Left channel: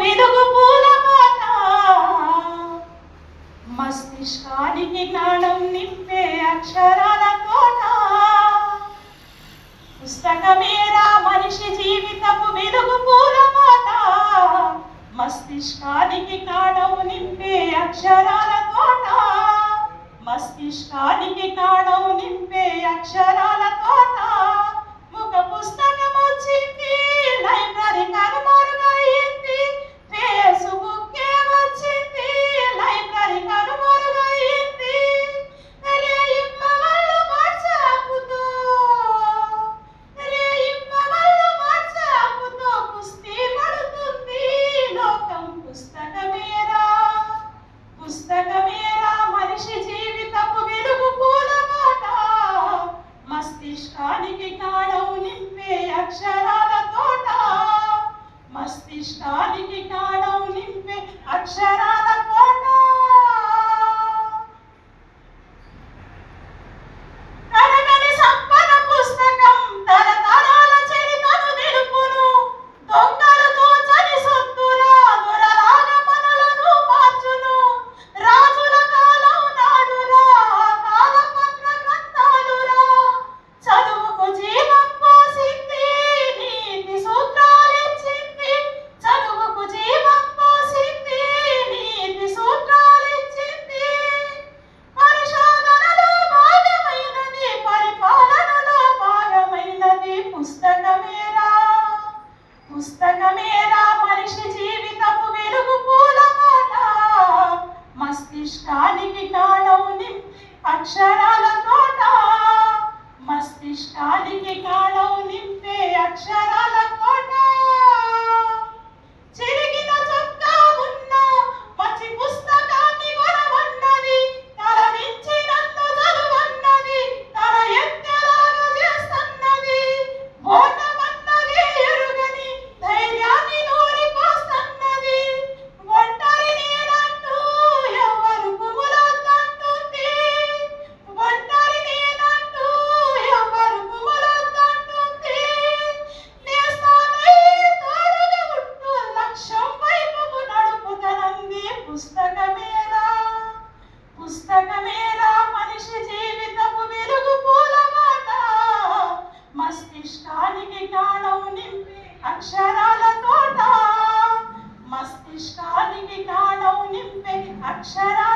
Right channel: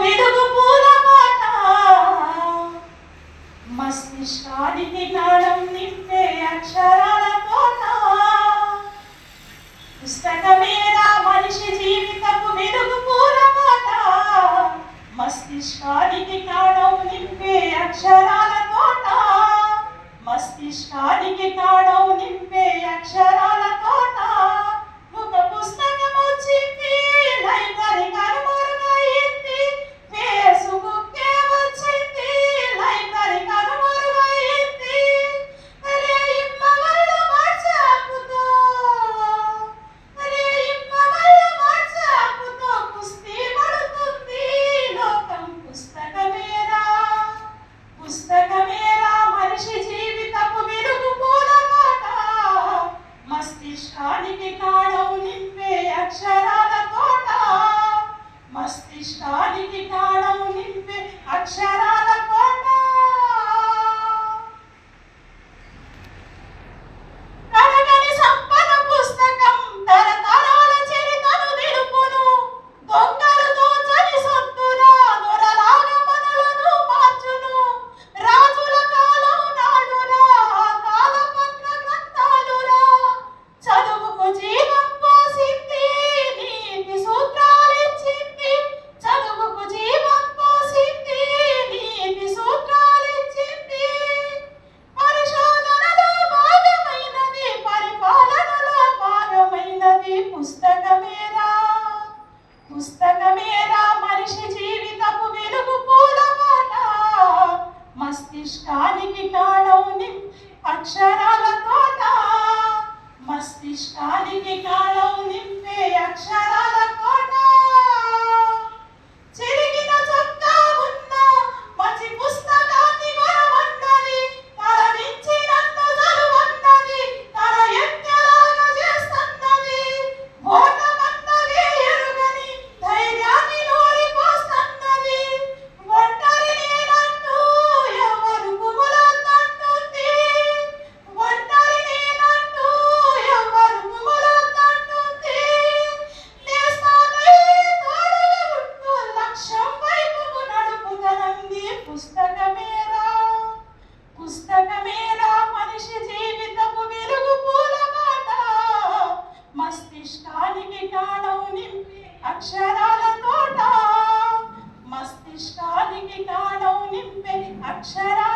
వెలుగు పూలబాట మస్తిష్కానికి జ్ఞానం నింపే అక్షరాల తోట. పుస్తకమేరా మనిషి జీవితపు వెలుగు పూలబాట మస్తిష్కానికి జ్ఞానం నింపే అక్షరాల తోట. మస్తిష్కానికి జ్ఞానం నింపే అక్షరాల తోట. ముఖ పుస్తకం వచ్చింది, లైబ్రరీ కనుమరుగైంది. ఫేస్బుక్ వచ్చింది, లైబ్రరీ కనుమరుగైంది. అరే ఇమ్మవళ్ళు వాట్సాప్తో, అరే ఇమ్మవళ్ళు వాట్సాప్తో కుస్తీ పడుతుంది లోకం. పుస్తకమేరా పుస్తకమేరా మనిషి జీవితపు వెలుగు పూలబాట మస్తిష్కానికి జ్ఞానం నింపే అక్షరాల తోట. మస్తిష్కానికి జ్ఞానం నింపే అక్షరాల తోట. కరగని సంపద పుస్తకం తరతరాల చరితను తెలుపును. దొంగలు దోచని సొత్తురా దొరలాగా పనులను మార్చును. రాజుల కాలం నాడురా కాల పత్ర గ్రంథాలురా. చదువుకు జీవం పోసింది, నీతి సూత్రాలిచ్చింది. చదువుకు జీవం పోసింది, నీతి సూత్రాలిచ్చింది. పరిశోధనలో భాగమైనది, పరిపాలనలో భాగమైనది. పుస్తకమేరా పుస్తకమేరా మనిషి జీవితపు వెలుగు పూలబాట మస్తిష్కానికి జ్ఞానం నింపే అక్షరాల తోట. మస్తిష్కానికి జ్ఞానం నింపే అక్షరాల తోట. చిరిగిన చొక్కా ఉన్న మంచి పుస్తకాన్ని కొనమన్నది. తల నుంచి నన్ను చదువన్నది, తల ఎత్తేలాగా చేస్తున్నది. ఓటమన్నది ఎరుగని ధైర్యాన్ని నూరిపోస్తున్నది. ఒంటరి నేనంటూ ఎవరు కుములొద్దంటుంది. ఒంటరి నేనంటూ ఎవరు కుములొద్దంటుంది. నేస్తానై తోడుగా ఉంటూ లక్ష్యం వైపుకు నడుపుతనంది. పుస్తకమేరా పుస్తకమేరా మనిషి జీవితపు వెలుగు పూలబాట మస్తిష్కానికి జ్ఞానం నింపే అక్షరాల తోట. మస్తిష్కానికి జ్ఞానం నింపే అక్షరాల